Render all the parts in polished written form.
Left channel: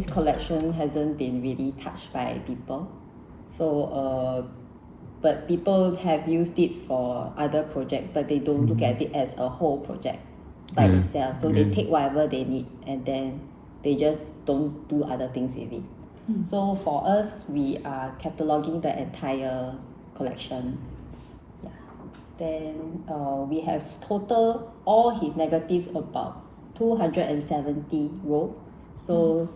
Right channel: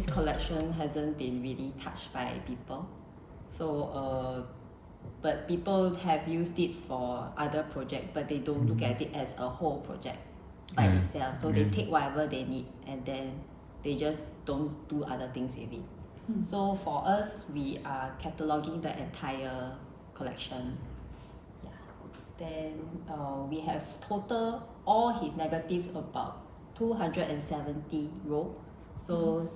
this collection hasn't been really touched by people. So, but people have used it for other projects, but they don't look at it as a whole project by itself. So they take whatever they need and then they just don't do other things with it. So for us, we are cataloging the entire collection. Yeah. Then we have total all his negatives about 270 row. So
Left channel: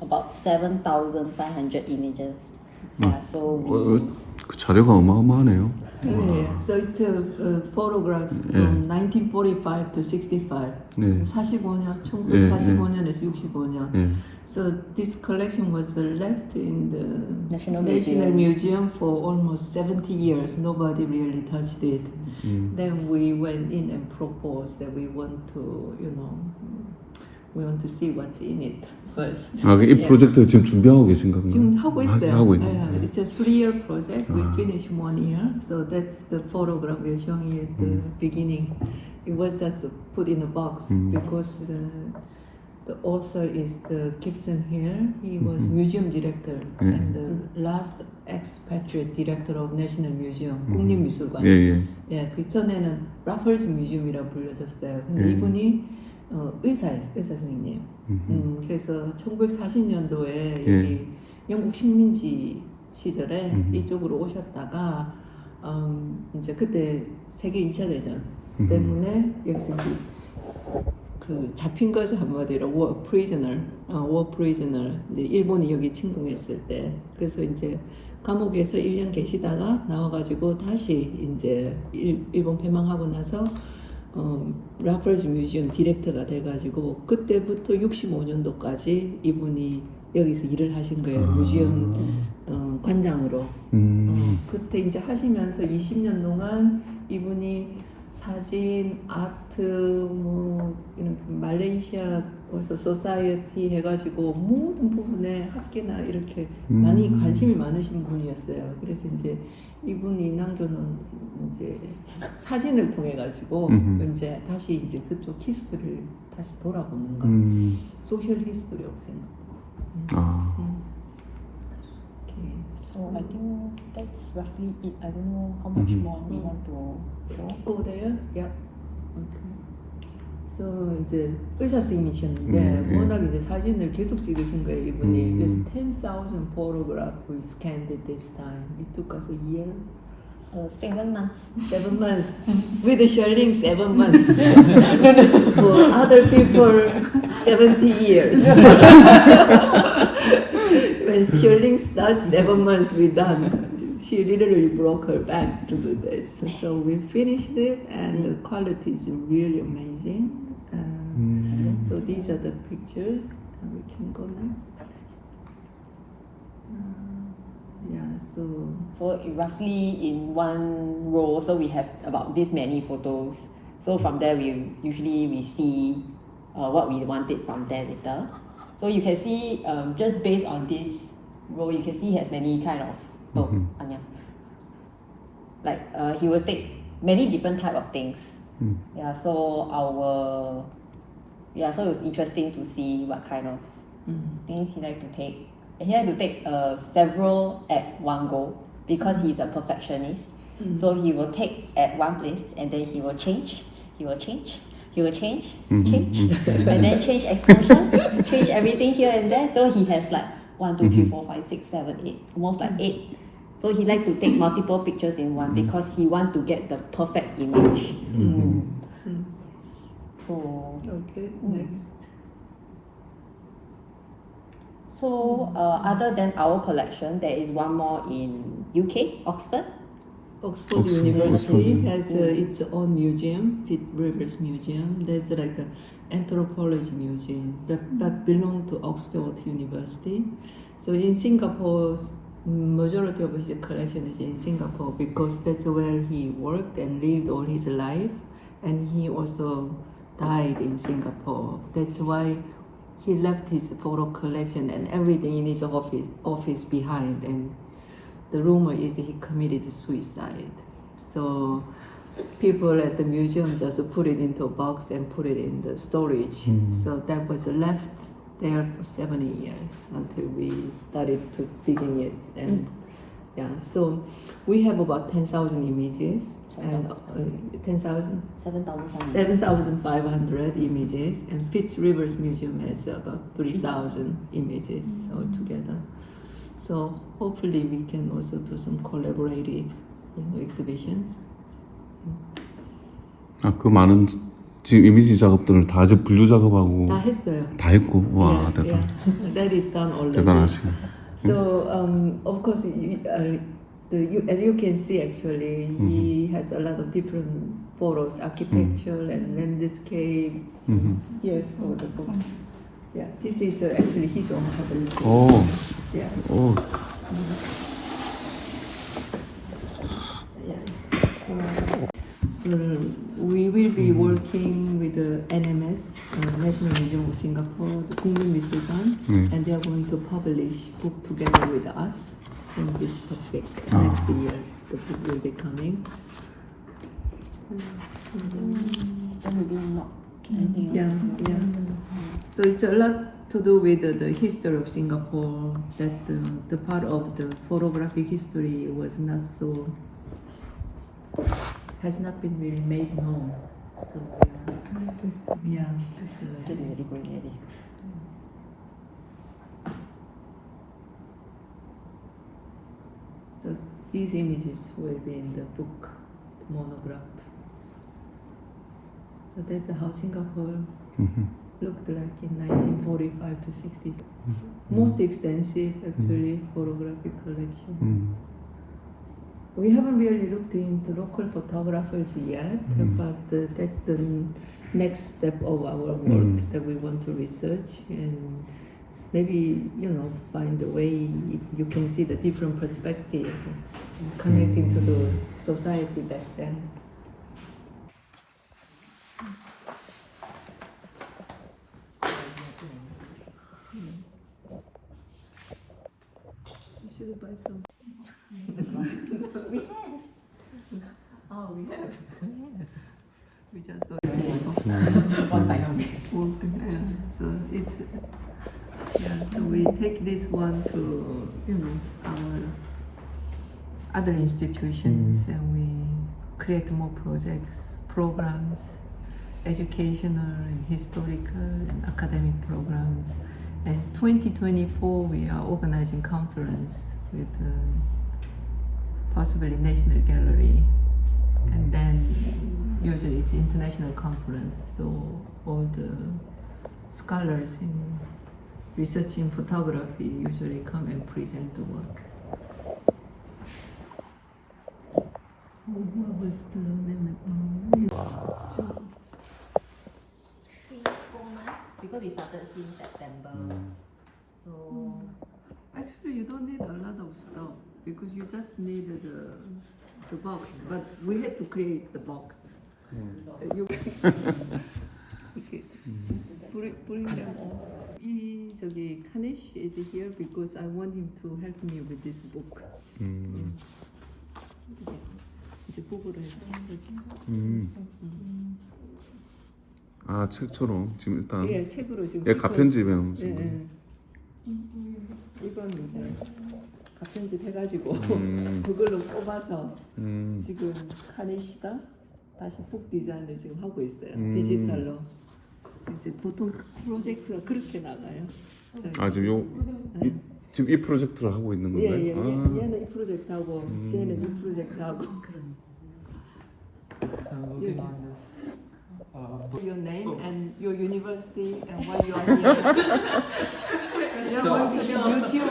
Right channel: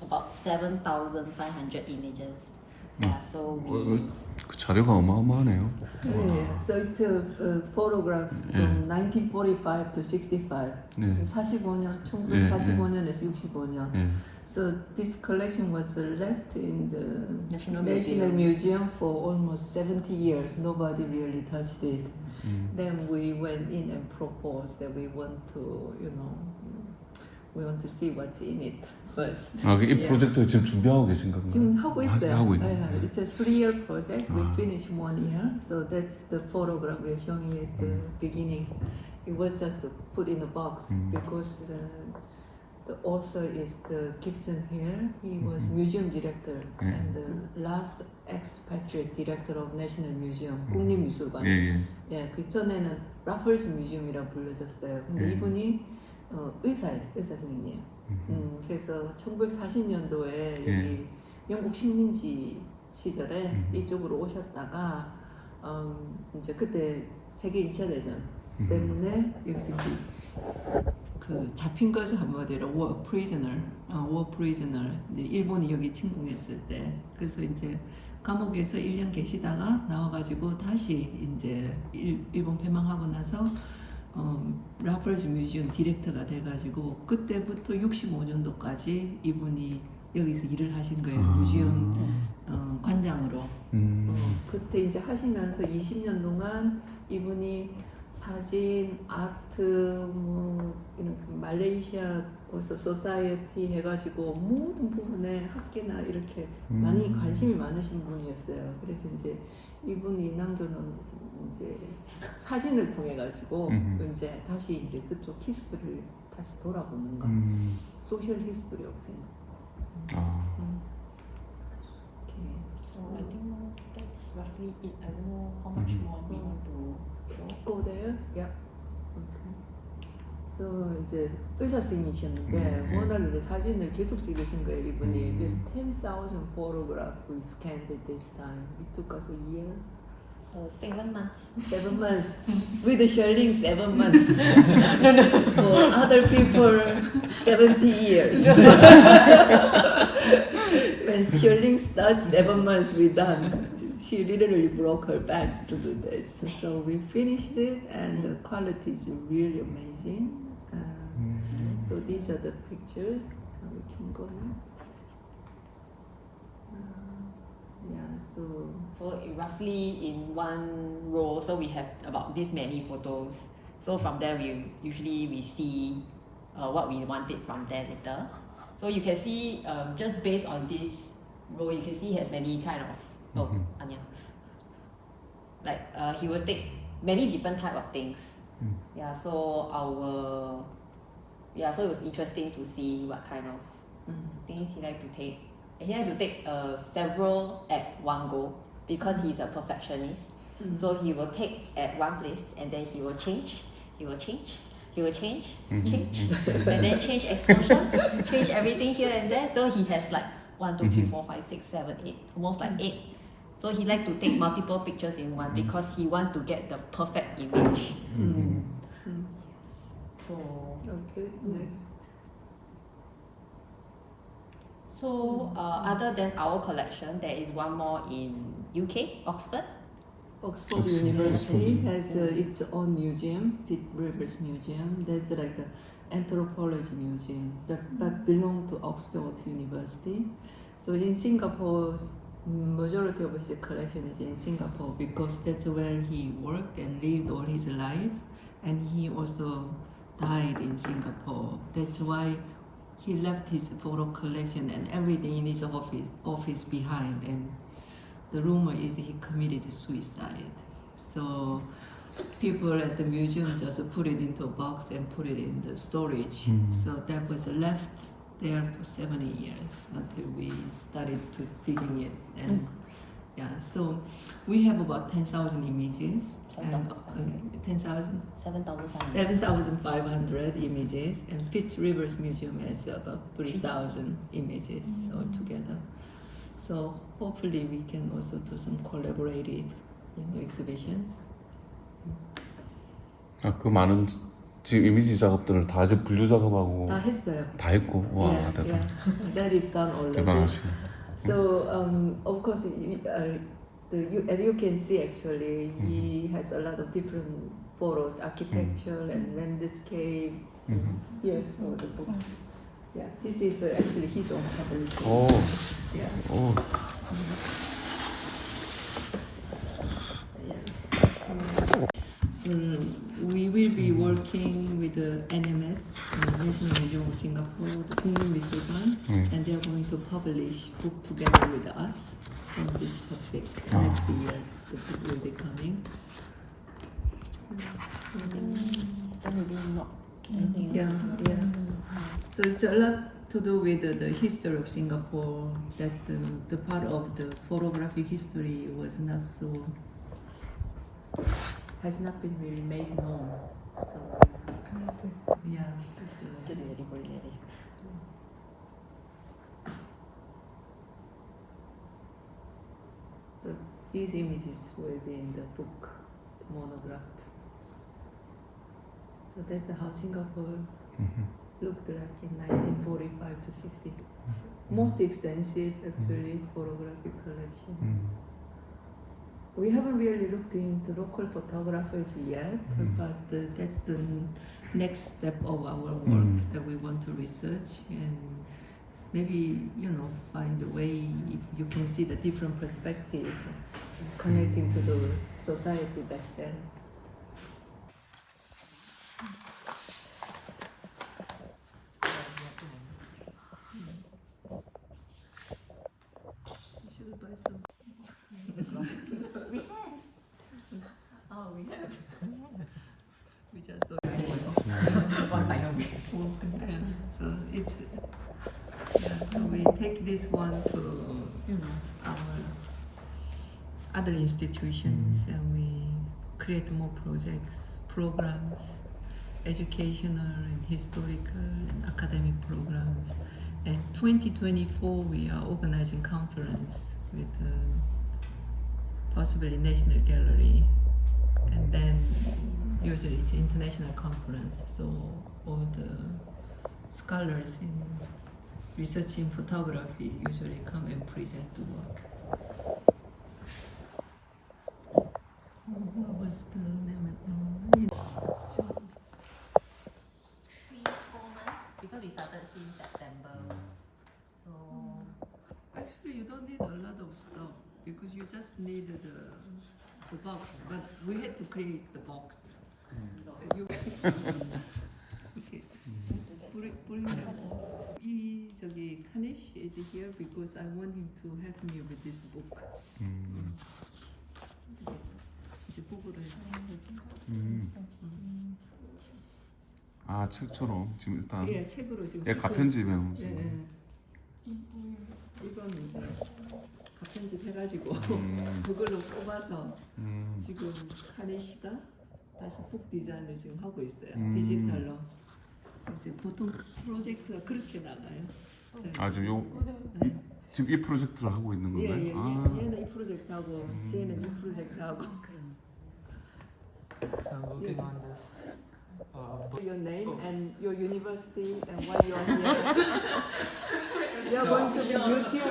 about 7,500 images. Yeah, so we 그 자료가 어마어마하네요. So it's photographs from 1945 to 65. 네. 45년, 1945년에서 65년. 네. So this collection was left in the National Museum for almost 70 years. Nobody really touched it. Then we went in and proposed that we want to, we want to see what's in it first. 아, 이 프로젝트 지금 준비하고 계신가 봐요. 지금 하고 있어요. 하고 있네요. Yeah, it's a 3-year project. We finished 1 year. So that's the photograph we're showing you at the beginning. It was just put in a box because the author is the Gibson here. He was museum director and the last expatriate director of National Museum, 국립미술관. 예, 그 전에는 라펄스 뮤지엄이라고 불려졌어요. 근데 이분이 의사 선생님이에요. 그래서 1940년도에 여기 영국 식민지 시절에 이쪽으로 오셨다가 이제 그때 세계 2차 대전 때문에 여기서 그 잡힌 것을 한마디로 war prisoner. 이제 일본이 여기 침공했을 때 그래서 이제 감옥에서 1년 계시다가 나와가지고 다시 이제 일본 패망하고 나서 라펄즈 뮤지엄 디렉터가 돼가지고 그때부터 65년도까지 이분이 여기서 일을 하신 거예요. 뮤지엄 관장으로. 그때 이제 하시면서 20년 동안 이분이 사진, 아트, 뭐 이런 말레이시아 벌써 소사이어티 해가지고 모든 부분에 학계나 이렇게 많이 관심이 많으신 분이었어요. 그래서 이제 이분이 남겨놓은 이제 사진을 통해 가지고 이제 다시 이제 그쪽 히스토리를 다시 돌아보는 거. 소셜 히스토리 옵션. So I think that's roughly it. I don't know how much more we want to show. Oh, there? Yeah. Okay. So 이제 의사 선생님이셨는데 워낙 이제 사진을 계속 찍으신 거예요 이분이. 그래서 10,000 photographs we scanned at this time. It took us a year. 7 months. 7 months. With the shelling, 7 months. For other people, 70 years. When shelling starts, 7 months we done. She literally broke her back to do this. So we finished it, and the quality is really amazing. So these are the pictures. And we can go next. Yeah, so roughly in one row, so we have about this many photos. So from there, we usually see what we wanted from there later. So you can see just based on this row, you can see he has many kind of Anya. Like he will take many different type of things. Yeah, so so it was interesting to see what kind of things he like to take. And he had to take several at one go because he's a perfectionist. So he will take at one place and then he will change, change, and then change exposure, change everything here and there. So he has like 1, 2, 3, 4, 5, 6, 7, 8, almost like 8. So he like to take multiple pictures in one because he want to get the perfect image. So okay, next. So other than our collection, there is one more in UK, Oxford. Oxford University has its own museum, Pitt Rivers Museum. There's like an anthropology museum that belongs to Oxford University. So in Singapore, majority of his collection is in Singapore because that's where he worked and lived all his life, and he also died in Singapore. That's why he left his photo collection and everything in his office behind, and the rumor is he committed suicide. So people at the museum just put it into a box and put it in the storage. So that was left there for 70 years until we started to digging it. And yeah, so we have about 10,000 images and 10,000. 7,500. 7,500 images, and Peach Rivers Museum has about 3,000 images altogether. So hopefully we can also do some collaborative, exhibitions. 아, 그 많은 지금 이미지 작업들을 다 아직 분류 작업하고 다 했어요. 다 했고 와 Yeah, 대단 yeah. That is done already. 대단하시고. So of course, as you can see, actually, he has a lot of different photos, architecture and landscape. Yes, all the books. Yeah, this is actually his own publication. 오, Yeah. 오, So we will be working with the NMS, National Museum of Singapore, the 국립미술관, and they are going to publish book together with us in this topic. Next year, the book will be coming. Then maybe not anything Yeah, else. yeah. So it's a lot to do with the history of Singapore. That the part of the photographic history was not so, has not been really made known. So yeah, Just very good already. so these images will be in the book monograph. So that's how Singapore looked like in 1945 to 60. Most extensive, actually, photographic collection. We haven't really looked into local photographers yet, but that's the next step of our work that we want to research and maybe, find a way if you can see the different perspective connecting to the society back then. You should buy some. We have. Oh, we have. We just don't. One final week. Yeah, so it's so we take this one to our other institutions and we create more projects, programs, educational and historical and academic programs. And 2024 we are organizing conference with possibly National Gallery, and then usually it's international conference, so all the scholars in research in photography usually come and present the work. So what was the name? 3-4 months because we started since September. So Actually, you don't need a lot of stuff because you just need the box. But we had to create the box. You okay. Bring them. 저기 Kanish is here because I want him to help me with this book. 이제 보고를 해서. 아 책처럼 지금 일단 예, 책으로 지금. 예 가편집에 예, 놓으신 거. 예. 이건 이제 가편집 해가지고 그걸로 뽑아서 지금 카네시가 다시 북 디자인을 지금 하고 있어요. 디지털로. 이제 보통 프로젝트가 그렇게 나가요. 아 지금 지금 이 프로젝트를 하고 있는 건가요? 예, 예, 아. 얘는 이 프로젝트 하고 쟤는 이 프로젝트 하고. So I'm working on this book. Your name and your university and why you are here. You're going to be on YouTube.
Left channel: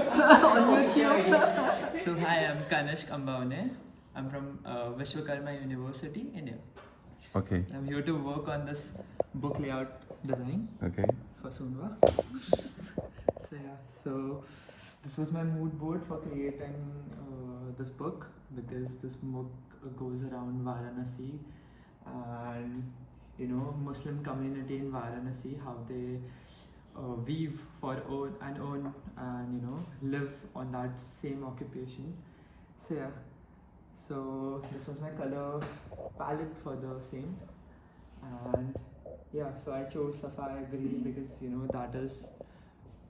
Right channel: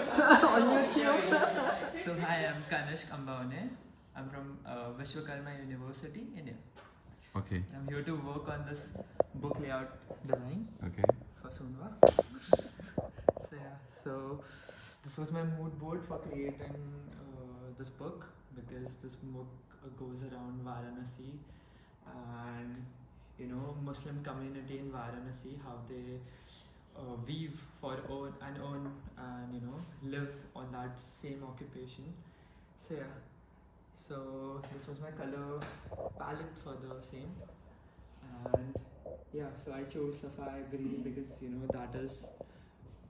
So hi, I'm Kanishk Ambane. I'm from Vishwakarma University, India. 오케이. I'm here to work on this book layout design 오케이. for Soonhwa. So yeah, so this was my mood board for creating this book because this book goes around Varanasi and Muslim community in Varanasi, how they weave for own and live on that same occupation. So yeah, so this was my color palette for the same, and yeah, so I chose sapphire green because that is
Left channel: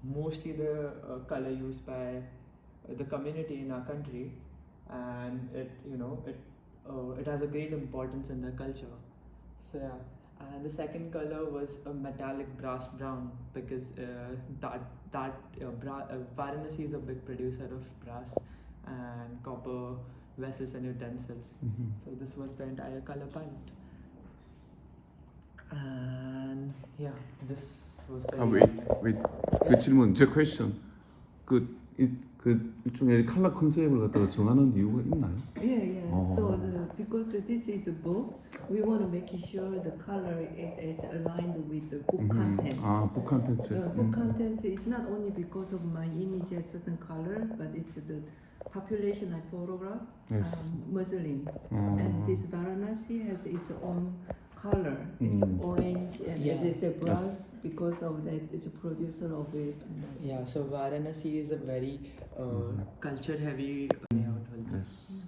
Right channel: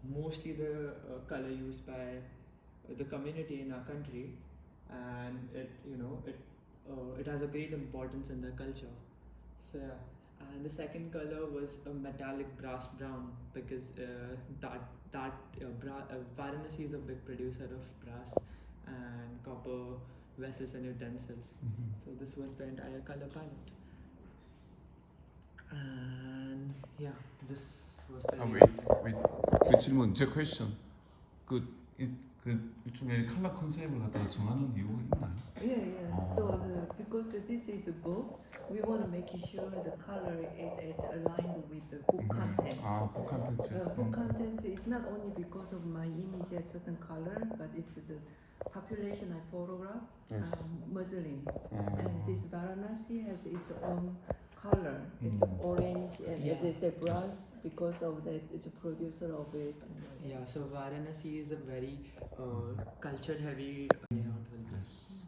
mostly the color used by the community in our country, and it has a great importance in the culture. So yeah, and the second color was a metallic brass brown, because Varanasi is a big producer of brass and copper vessels and utensils. So this was the entire color palette. And yeah, this was the wait. 그 질문, 제 question. 그 일종의 컬러 컨셉을 갖다가 정하는 이유가 있나요? Yeah. Oh. So because this is a book, we want to make sure the color is aligned with the book content. book content. The book content is not only because of my image has certain color, but it's the population I photograph, Yes. Muslims. And this Varanasi has its own color. It's orange and Yeah. it's a brass Yes. because of that. It's a producer of it. Yeah, so Varanasi is a very culture heavy layout. Yes.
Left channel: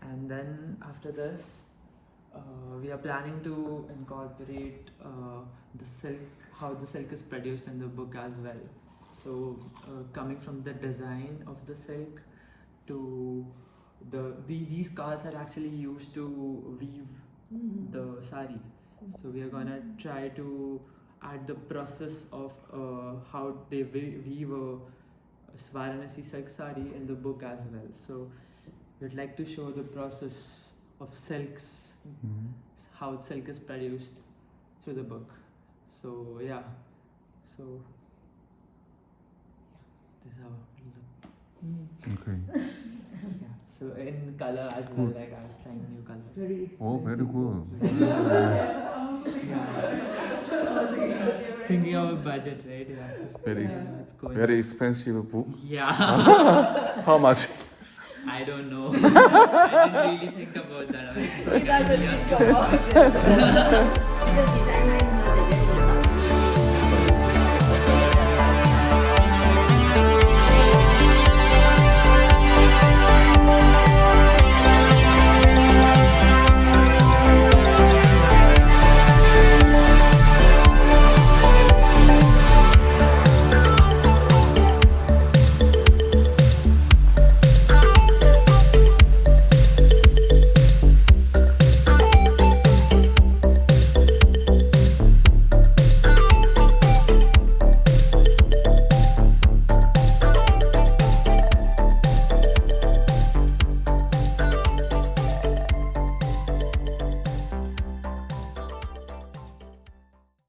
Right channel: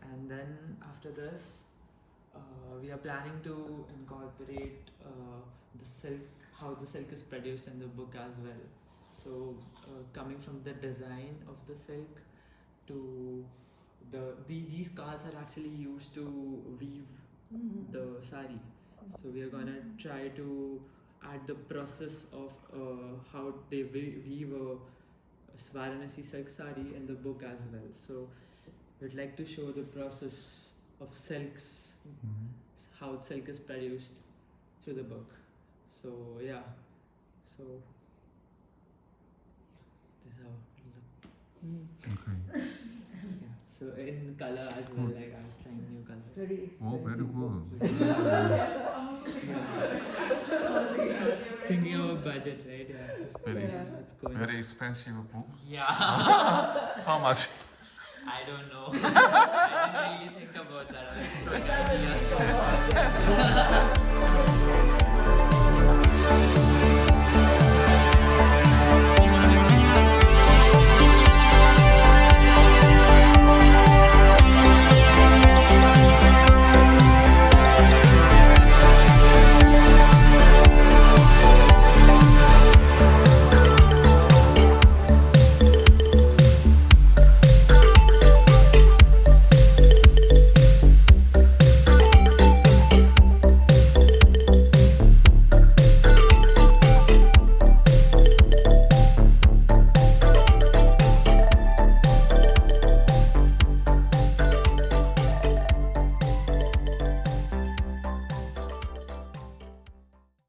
And then after this, we are planning to incorporate the silk, how the silk is produced in the book as well. So coming from the design of the silk to these cars are actually used to weave the sari. So we are gonna try to add the process of how they weave a Varanasi silk sari in the book as well. So we'd like to show the process of silks, how silk is produced through the book. So yeah, so this is how it look. Okay. Yeah. So in color as well, like I was trying new colors. Very expensive. Oh, very good. Yeah. Thinking of a budget, right? Yeah. Very, It's going. very expensive book. Yeah. How much? I don't know. I didn't really think about that. I was throwing ideas.